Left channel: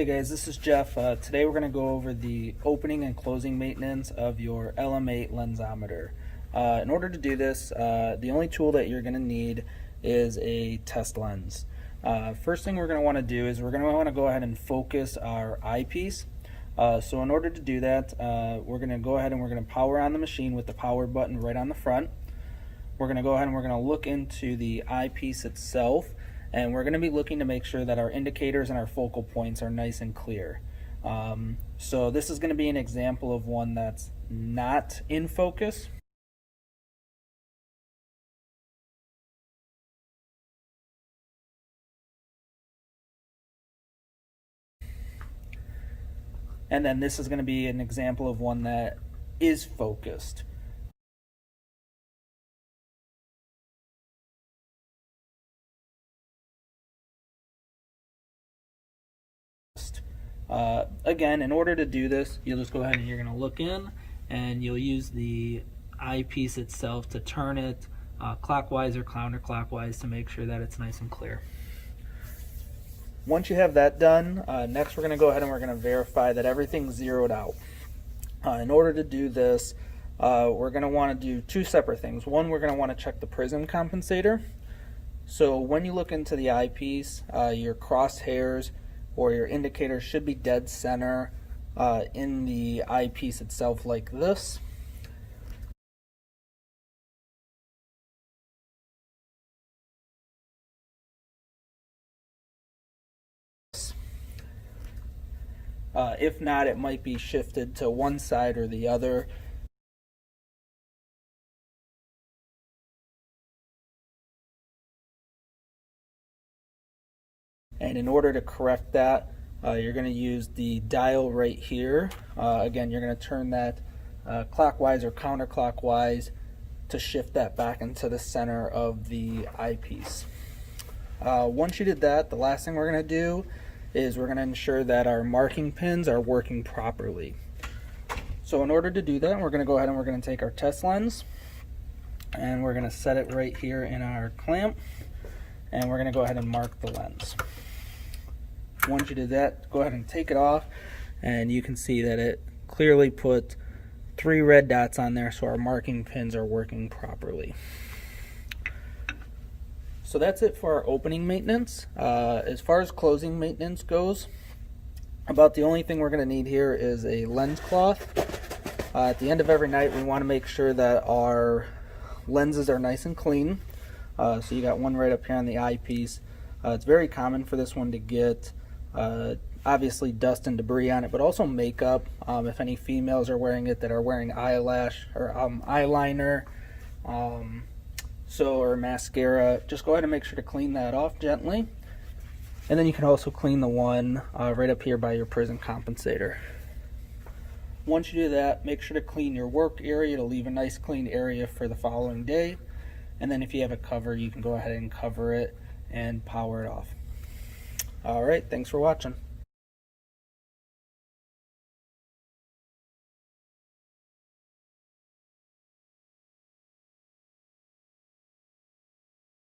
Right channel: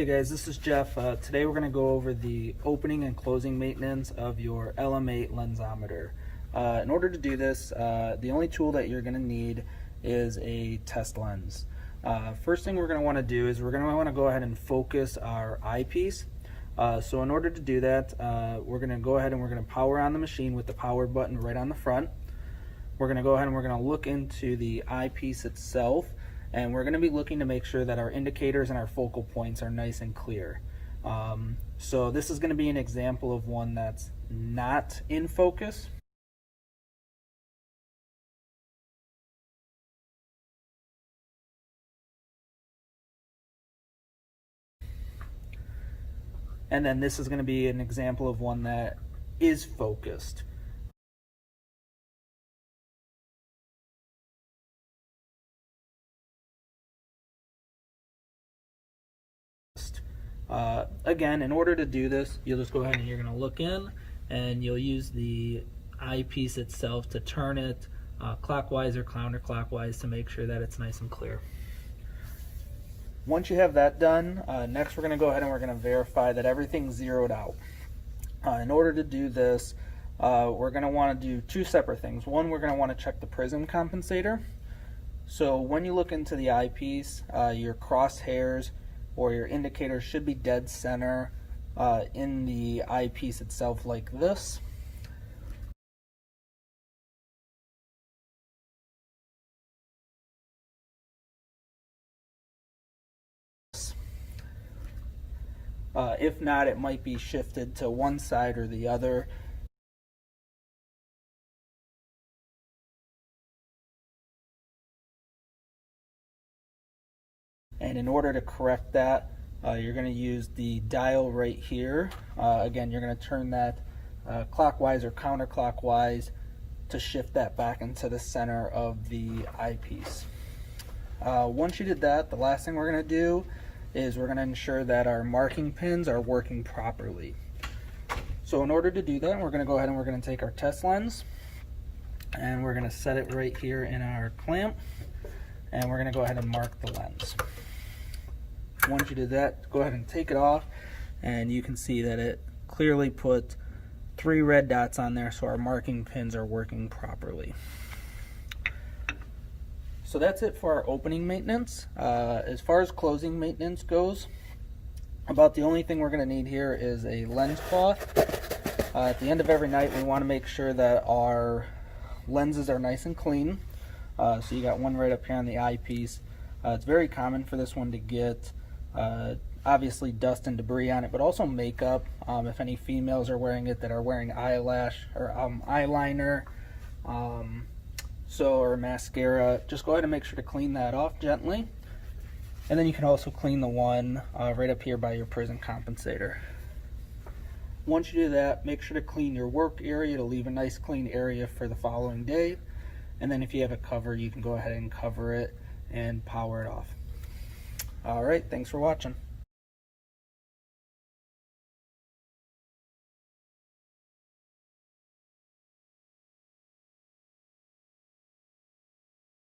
Hey guys, this is Jeff. Today we're going to go over the opening and closing maintenance of your LM-8 lensometer. In order to do this, the only tool that you're going to need is a test lens. First thing we're going to want to do is we're going to want to go ahead and focus our eyepiece. So in order to do that, we're going to go ahead and we're going to power on the machine with the power button right on the front. We're going to go ahead and we're going to look into the eyepiece itself, and we're going to be looking to make sure that our indicators and our focal points are nice and clear. So this is going to be an example of one that's not in focus. And then this is going to be an example of one that is focused. Again, in order to do this, you'll just go ahead and you're going to look in, and you'll use the eyepiece itself to turn it clockwise or counterclockwise to make sure that it's nice and clear. Once you have that done, next we're going to go ahead and we're going to verify that everything's zeroed out. In order to do this, we're going to want to do two separate things. One, we're going to want to check the prism compensator. So when you look into the eyepiece, your crosshairs or your indicator should be dead center in the eyepiece itself, like this. If not, it might be shifted to one side or the other. And in order to correct that, you're going to use the dial right here. Again, you're going to turn that clockwise or counterclockwise to shift that back into the center of the eyepiece. Once you did that, the last thing we're going to do is we're going to ensure that our marking pins are working properly. So in order to do that, we're going to go ahead and we're going to take our test lens, and we're going to set it right here in our clamp, and we're going to go ahead and mark the lens. Once you did that, go ahead and take it off, and you can see that it clearly put 3 red dots on there, so our marking pins are working properly. So that's it for our opening maintenance. As far as closing maintenance goes, about the only thing we're going to need here is a lens cloth. At the end of every night, we want to make sure that our lenses are nice and clean. So you got one right up here on the eyepiece. It's very common for this one to get obviously dust and debris on it, but also makeup. If any females are wearing it that are wearing eyelash or eyeliner, or mascara, just go ahead and make sure to clean that off gently. And then you can also clean the one right up here by your prism compensator. Once you do that, make sure to clean your work area to leave a nice clean area for the following day. And then if you have a cover, you can go ahead and cover it and power it off. Alright, thanks for watching.